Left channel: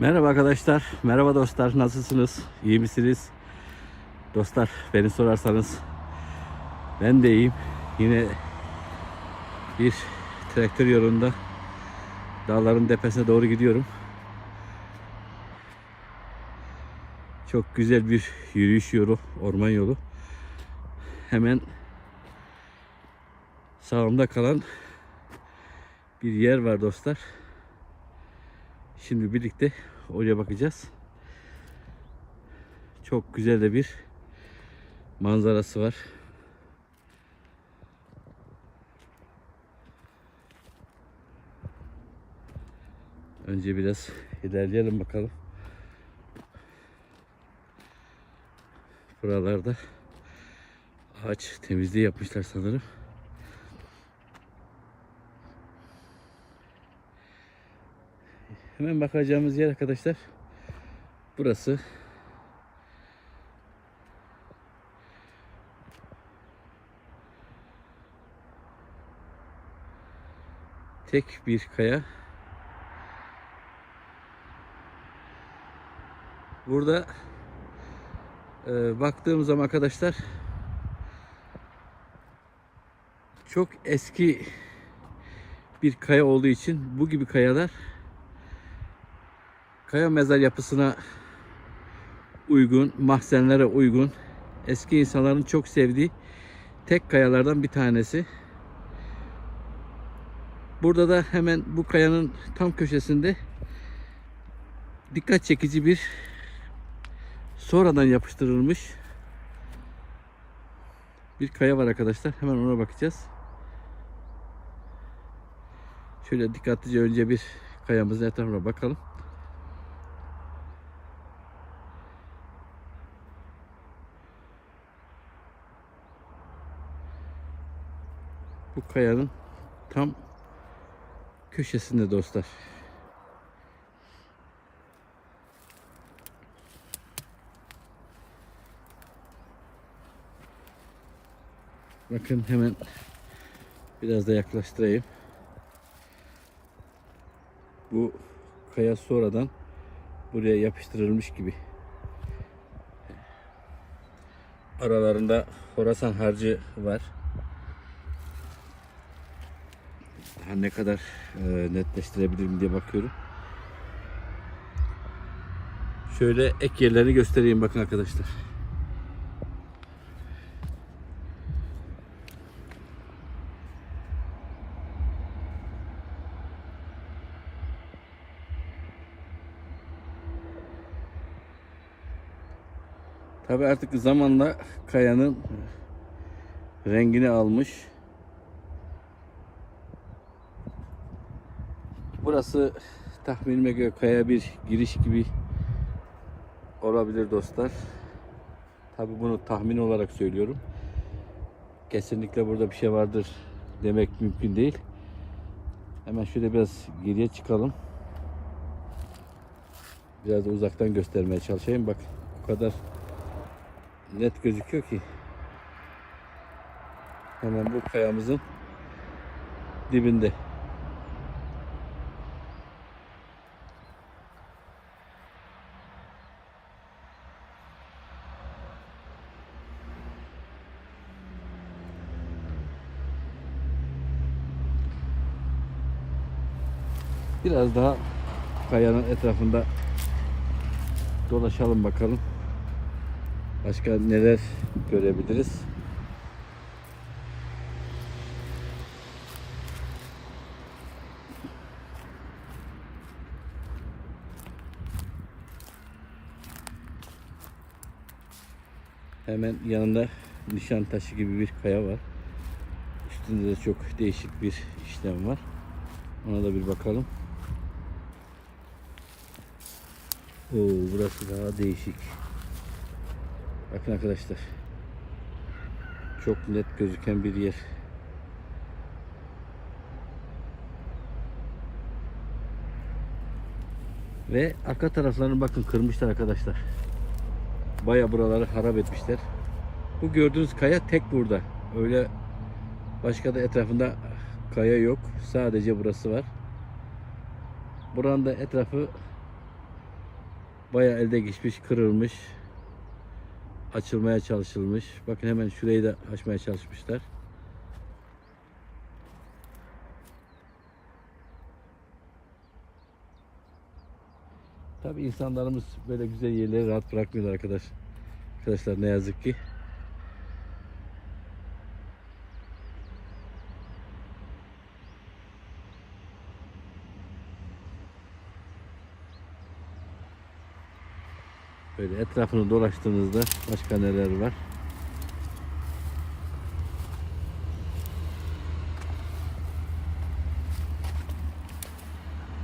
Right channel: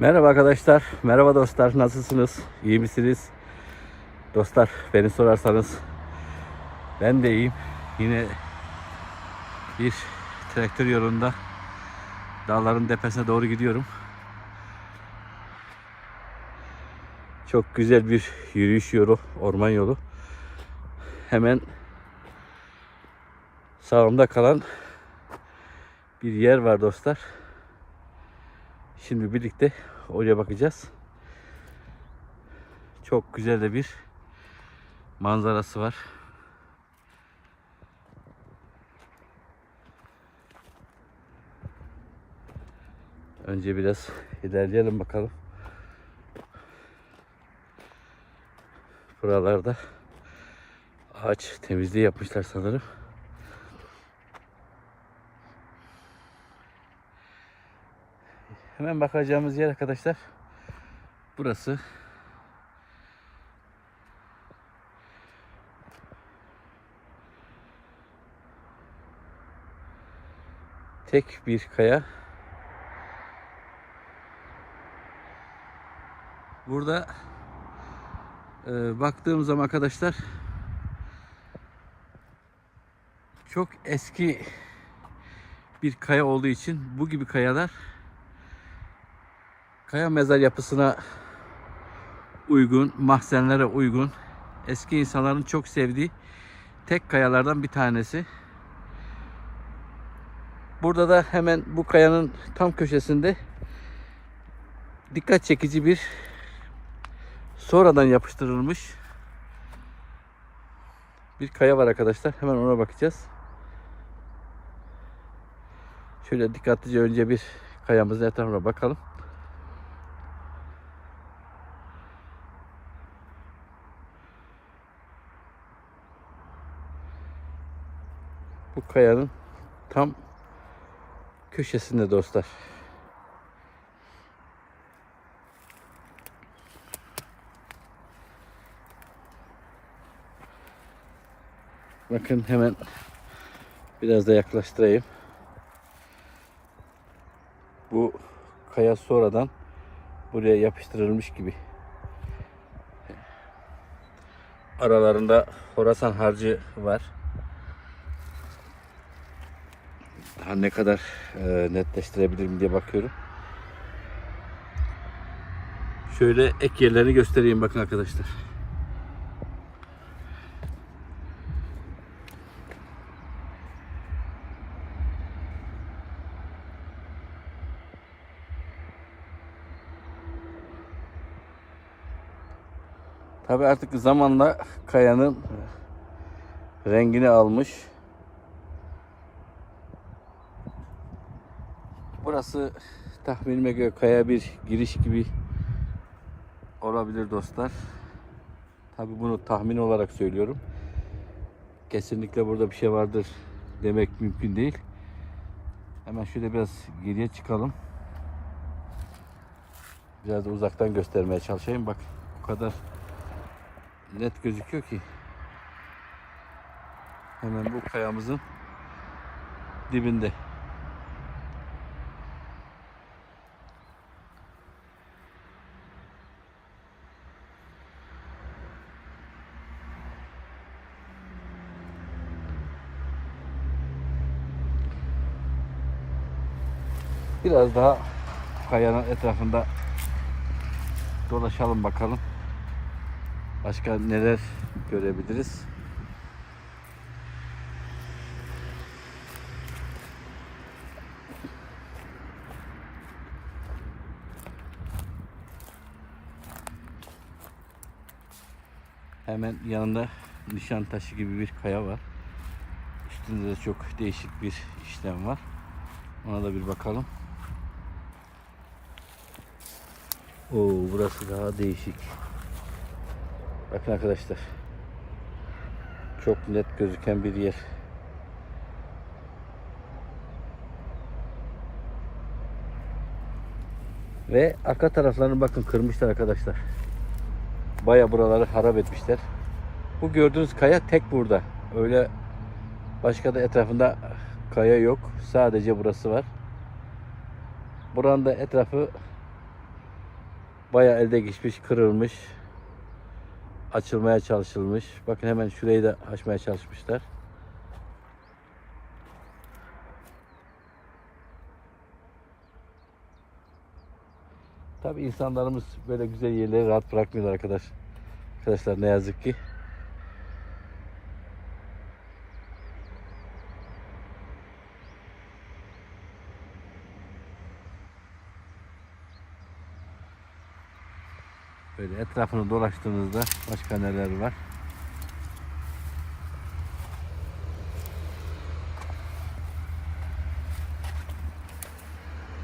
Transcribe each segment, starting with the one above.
Merhaba arkadaşlar, merhaba dostlar, nasılsınız? İyi misiniz? Dostlar, beni sorarsanız ben de iyiyim. Yine bir traktör yolunda dağların tepesine doğru gidiyorum. Çok güzel bir yürüyüş yolu, orman yolu. Hemen sağımda kalan bir yer var dostlar. Şimdi birlikte oraya bakacağız. Çok güzel de bir manzarası var. Önce biraz ilerleyelim bakalım. Buralarda ağaç temizliği yapmışlar sanırım. Hemen bakacağımız yer arkadaşlar. Burası. Tek bir kaya. Burada e, baktığım zaman arkadaşlar çok eski bir kaya olduğu için bu gibi kayalar kaya mezar yapısına uygun, mahzenlere uygun, eski insanların çok sevdiği tek kayalardan bir tanesi. Burada da hemen bu kayanın tam köşesinde dikkat çekici bir sonradan yapıştırılmış bir kaya var arkadaşlar. Hemen ona bakacağız. Şöyle dikkatlice önce bir kayamızın etrafına bakalım. Bu kayanın tam köşesinde dostlar. Bakın hemen biraz da yaklaştırayım. Bu kaya sonradan buraya yapıştırılmış gibi. Aralarında Horasan harcı var. Daha ne kadar e, netleştirebilirim diye bakıyorum. Şöyle ek yerlerini göstereyim bakın arkadaşlar. Tabi artık zamanla kayanın rengini almış. Burası tahminime göre kaya bir giriş gibi olabilir dostlar. Tabi bunu tahmin olarak söylüyorum. Kesinlikle burada bir şey vardır demek mümkün değil. Hemen şöyle biraz geriye çıkalım. Biraz da uzaktan göstermeye çalışayım. Bak o kadar net gözüküyor ki. Hemen bu kayamızın dibinde. Biraz daha kayanın etrafında dolaşalım bakalım. Başka neler görebiliriz? Hemen yanında nişan taşı gibi bir kaya var. Üstünde de çok değişik bir işlem var. Ona da bir bakalım. Oo, burası daha değişik. Bakın arkadaşlar. Çok net gözüken bir yer. Ve arka taraflarını bakın kırmışlar arkadaşlar. Baya buraları harap etmişler. Bu gördüğünüz kaya tek burada. Öyle başka da etrafında kaya yok. Sadece burası var. Buranın da etrafı Bayağı elde geçmiş, kırılmış. Açılmaya çalışılmış. Bakın hemen şurayı da açmaya çalışmışlar. Tabi insanlarımız böyle güzel yerleri rahat bırakmıyorlar arkadaş. Arkadaşlar ne yazık ki. Böyle etrafını dolaştığınızda başka neler var?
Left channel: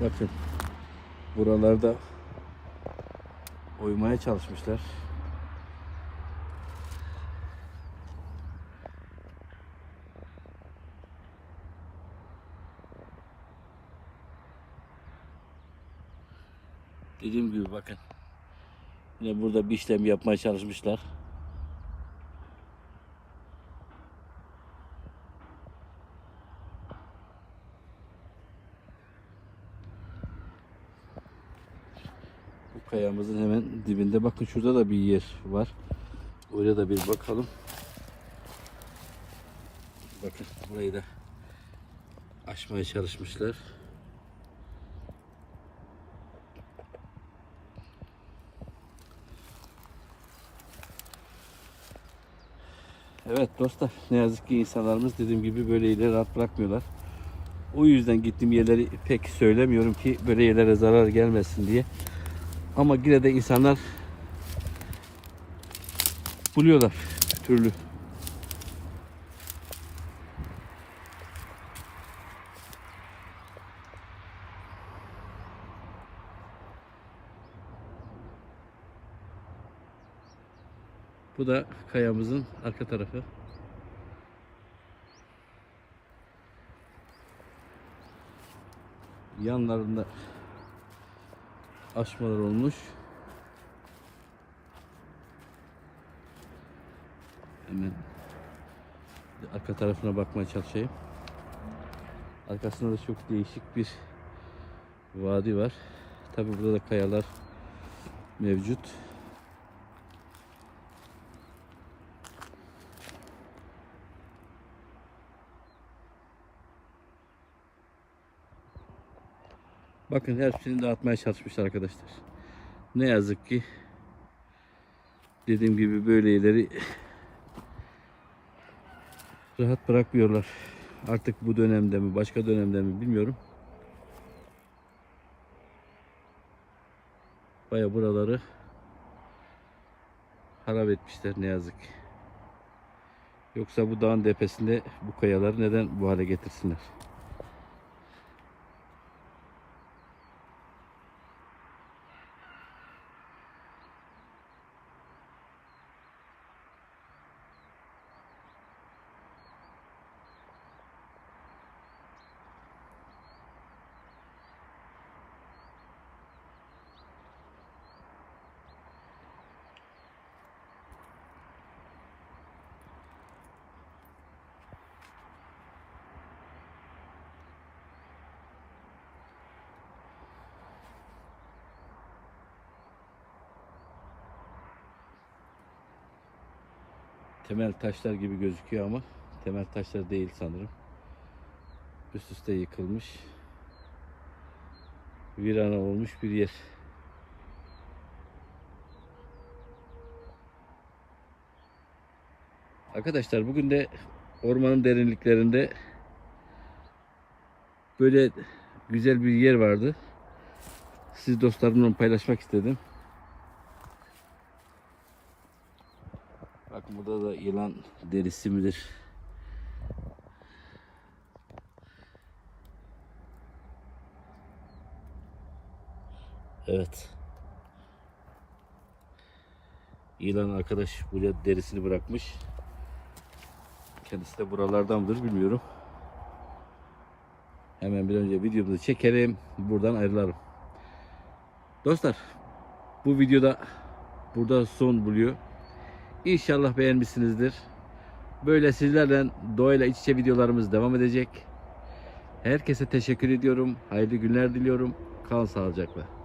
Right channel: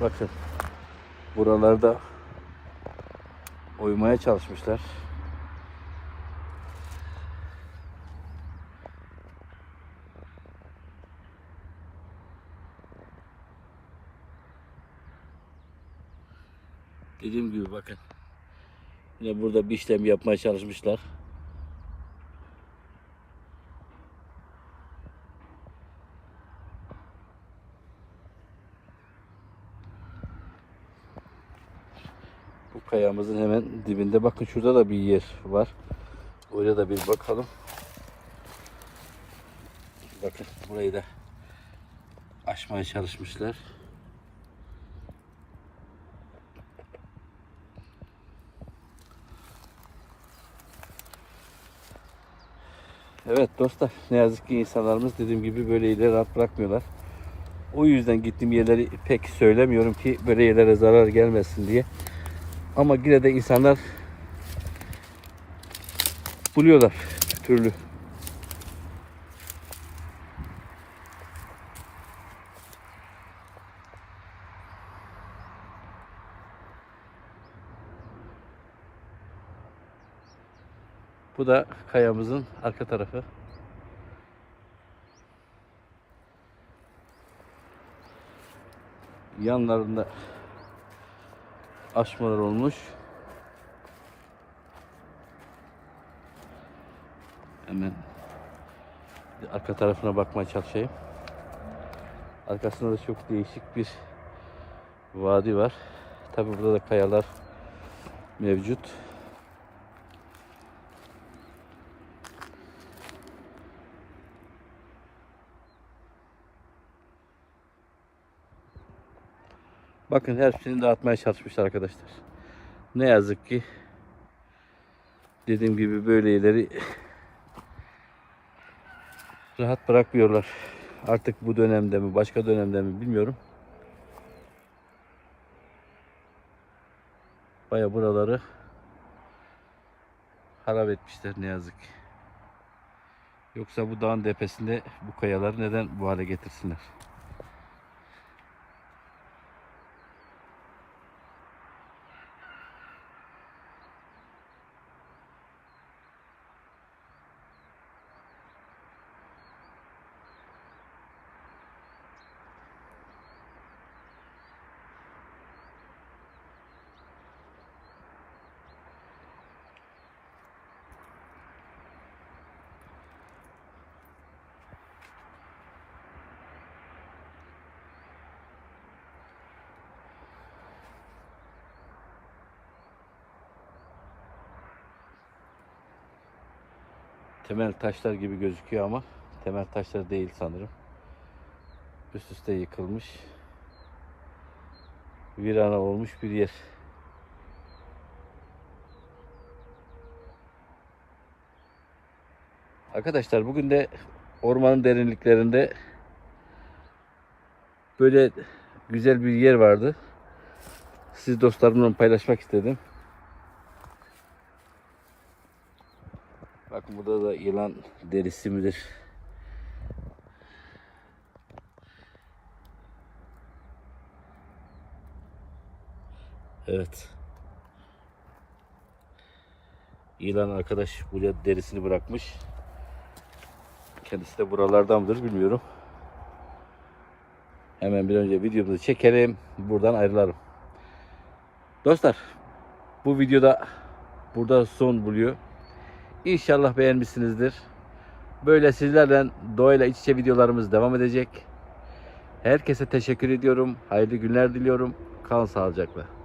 Bakın buralarda oymaya çalışmışlar. Dediğim gibi bakın. Yine burada bir işlem yapmaya çalışmışlar. Bu kayamızın hemen dibinde bakın şurada da bir yer var. Oraya da bir bakalım. Bakın burayı da aşmaya çalışmışlar. Evet dostlar ne yazık ki insanlarımız dediğim gibi böyle yerleri rahat bırakmıyorlar. O yüzden gittiğim yerleri pek söylemiyorum ki böyle yerlere zarar gelmesin diye. Ama yine de insanlar buluyorlar türlü. Bu da kayamızın arka tarafı. Yanlarında aşmalar olmuş. Hemen arka tarafına bakmaya çalışayım. Arkasında da çok değişik bir vadi var. Tabi burada da kayalar mevcut. Bakın her şeyini dağıtmaya çalışmışlar arkadaşlar. Ne yazık ki dediğim gibi böyle yerleri rahat bırakmıyorlar. Artık bu dönemde mi başka dönemde mi bilmiyorum. Baya buraları harap etmişler ne yazık ki. Yoksa bu dağın tepesinde bu kayaları neden bu hale getirsinler? Temel taşlar gibi gözüküyor ama temel taşlar değil sanırım. Üst üste yıkılmış. Virana olmuş bir yer. Arkadaşlar bugün de ormanın derinliklerinde böyle güzel bir yer vardı. Siz dostlarımla paylaşmak istedim. Burada da yılan derisi midir? Evet. Yılan arkadaş buraya derisini bırakmış. Kendisi de buralardan mıdır bilmiyorum. Hemen bir önce videomuzu çekelim. Buradan ayrılalım. Dostlar bu videoda burada son buluyor. İnşallah beğenmişsinizdir. Böyle sizlerle doğayla iç içe videolarımız devam edecek. Herkese teşekkür ediyorum. Hayırlı günler diliyorum. Kalın sağlıcakla.